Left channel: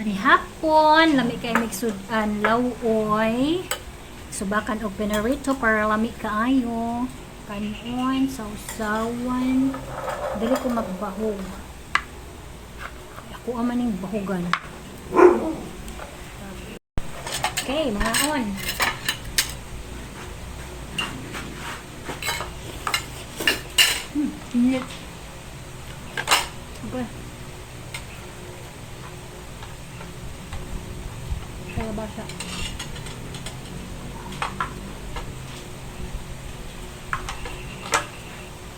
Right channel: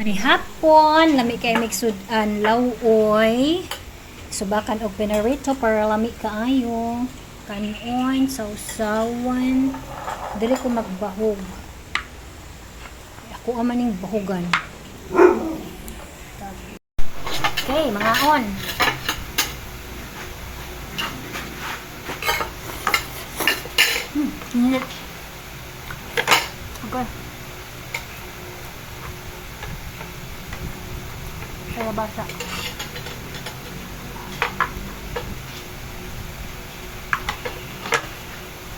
Ani hapon, lami kay mixudan lawoy. Subakan og pinarito para lami kaayo. Kanon, sausawan. Dili ko magbahog. Ako amaning bahugan. Okay, mga on. Init. Okay. Kaya basa.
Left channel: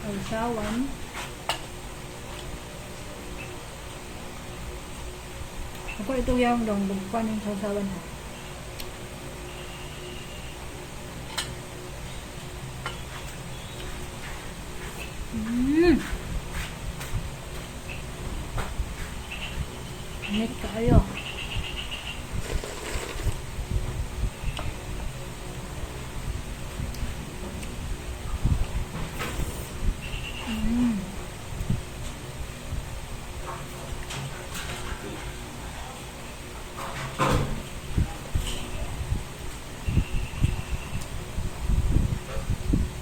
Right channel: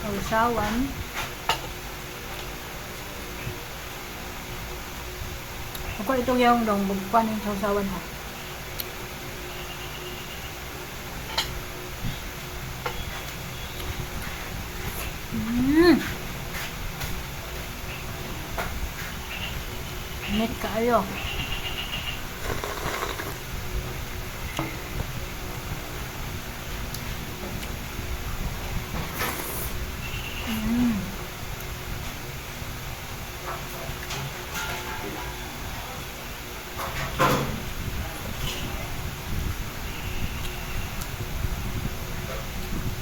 Sausawan. Ako ito yung dong bugpan yung sausawan ha. Init kaayo.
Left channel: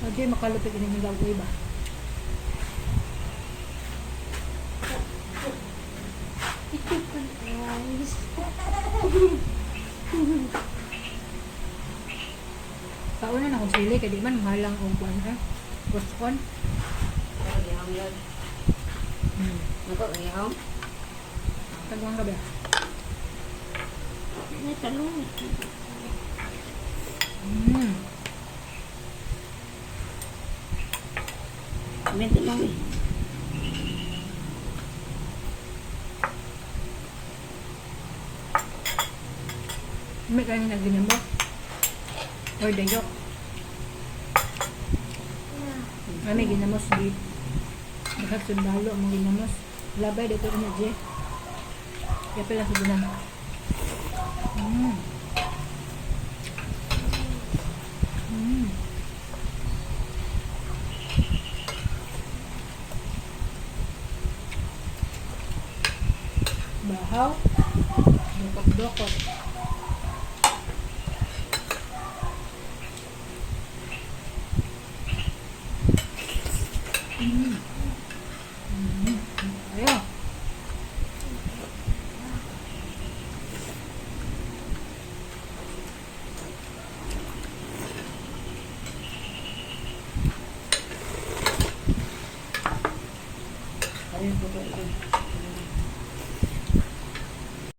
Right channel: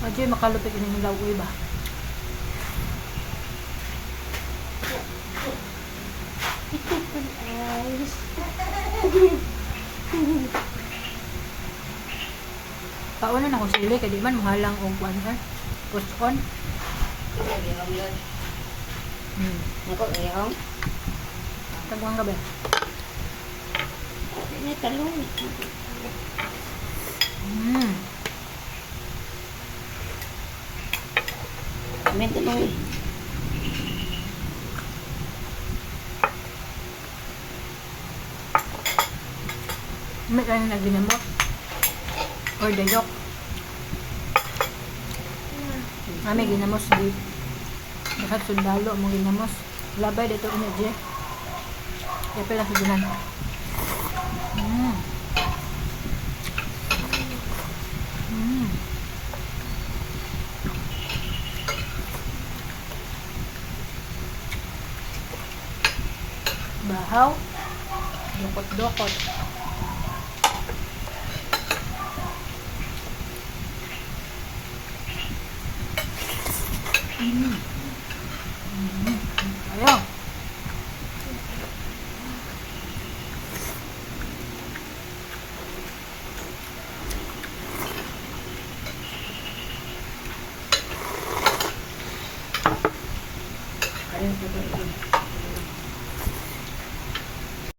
Medyo makalupit ini nilaw ko iba. Pauna na ko sili kay di man mahalang og kuan ha. Gusto kon. Nako ngayon. Tagwang gabi. Ini talong. May talong. May kayo na ginamos. Or dayok. May ginamos di. Dapat sundalo mo ginamos. Labay dito ina je. Kaya pala sa dunan. Bahaw. Dokot-dokot.